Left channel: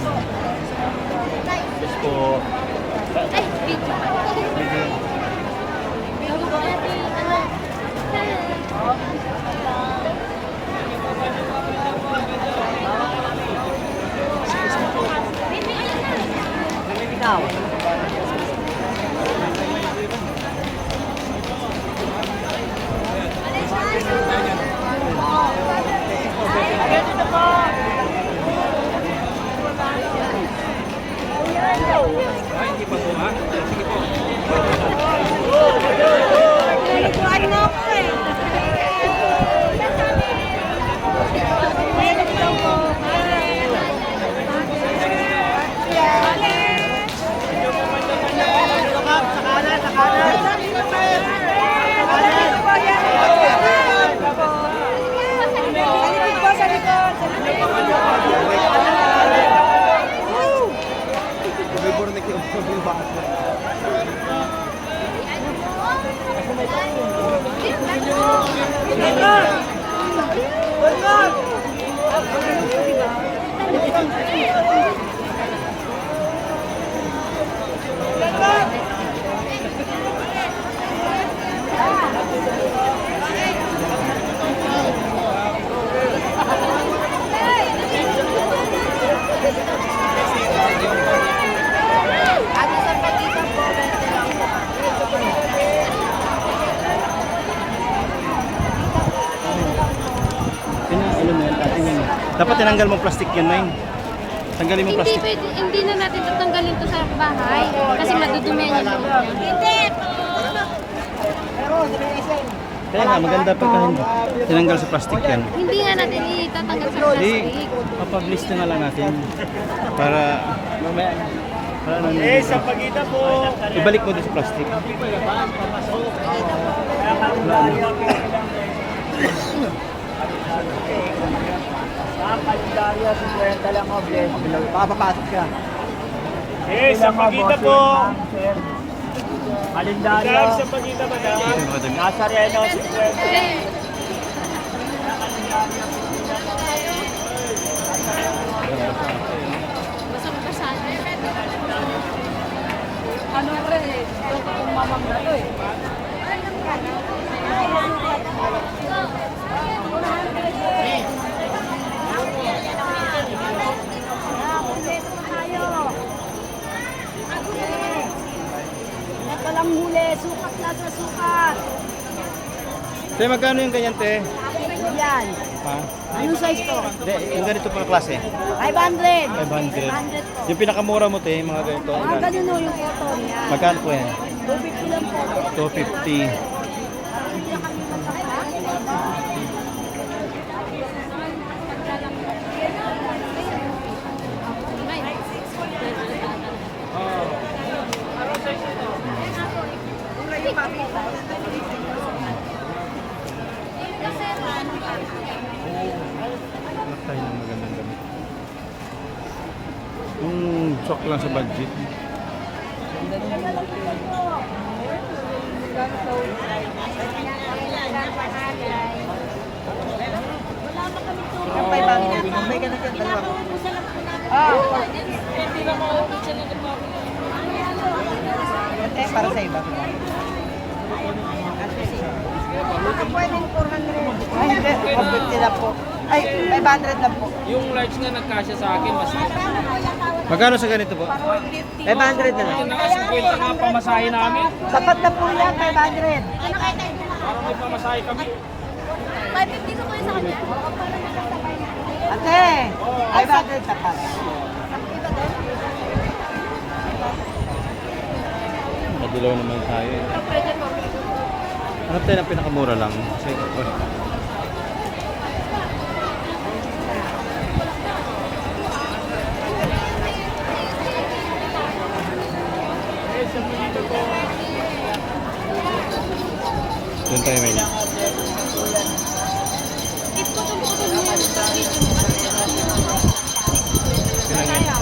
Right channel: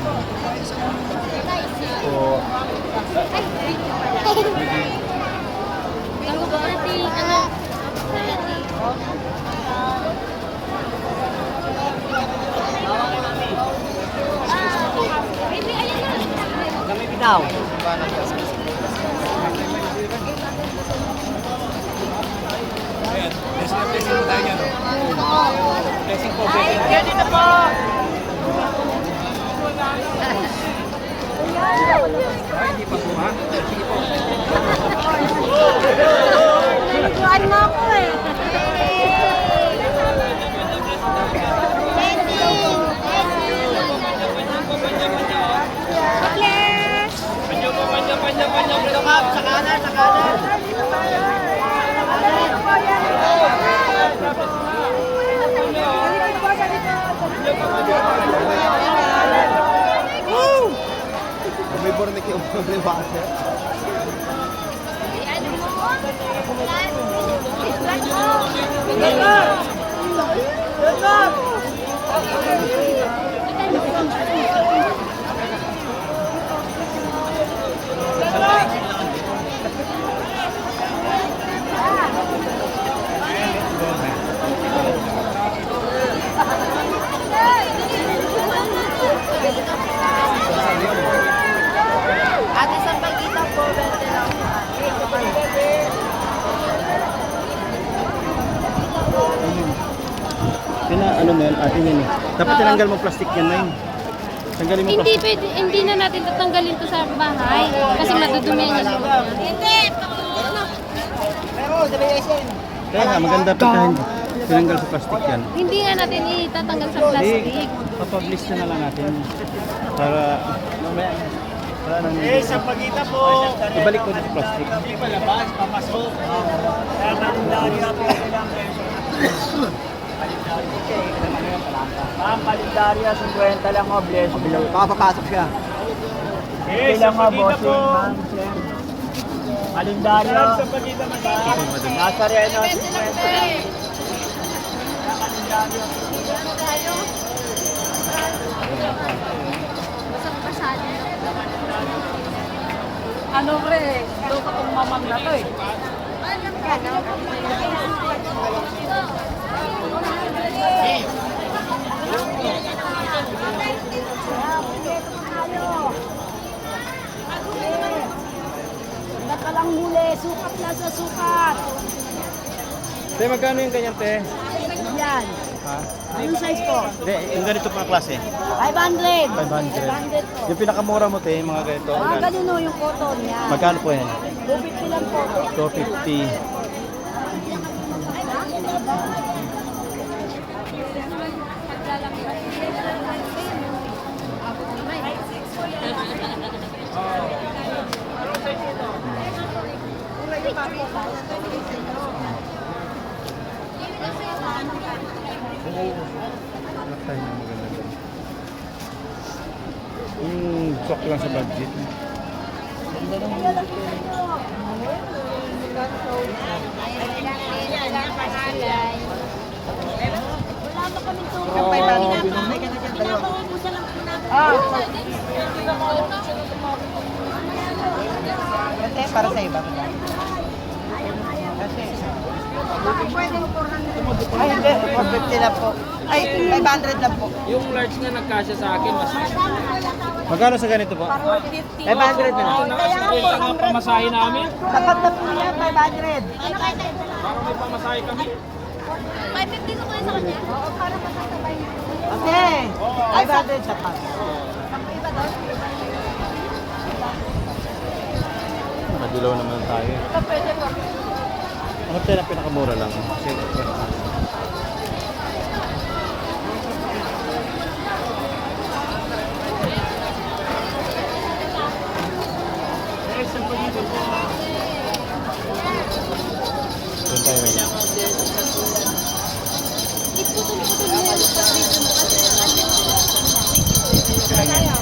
Po. Hindi pa po, ha? Sige po. Nagkuhan mo ako eh. May borne ko ng bako. Ate, sa pagkita po, 20 lang po ate. Ano mo yan, ating yan. Dapat tinanggal mo plastic yan, Nay. Tanggalin mo Hindi plastic. pwede, hindi na natin tatanggalin to sa bahay kasi madudumihan yung loob niya. Kaya nga, maganda pagka tinanggal sa plastic yan. Hindi nga natin itatanggal sa Hindi, plastic. papublish na lang natin. Para, mamaya, para ano Sa pagkita po. ibalik mo din sa plastic. Hindi palabas, pamasok. Ang kalendarya, 50 lang mo, bless. Papapasok siya. Okay, sa pagkita po. Kalendarya. Sa pagkita mo Nazareno, 50. Basang-basado na. Ano re? Kung mamam na to eh. Ito lang huli, sukat na sa sukat. Te, magkano yung ganyan, te? Yan. Ha? Anong size ko? Hindi, yung ganito pang klase. 500. 500. 500 po. Yung pinakamura mo, te, mga ganito. Mga ganun o yung cotton yan. Magkano po yan? 250 lang po. 250. Anak tayo ng magandang damit. Sok lang sa budget. Wala pa kami tulong ng 500. Pinapangubusan lang po namin. Para sa iba. Baka pwedeng 400. Ay, hindi. 450 na po. Ay, 500 na po. Yung large nga nagkasya sa akin, mas Magkano sa ganito po? 500 na lang. na 50 nga pamasahe namin. Sapat na po yan, 500. Parang may pamasahe kami. 550 ko sa kanya? Oo, para magkasabay na. Ate, 500 sapat. Nakadilaw naman tayo. Ito pwede po. Ano tayo na pinakamura lang? Kasi first time. Doon tayo may Iputol-putol mo yung pag-video mo kasi Kailangan. ano.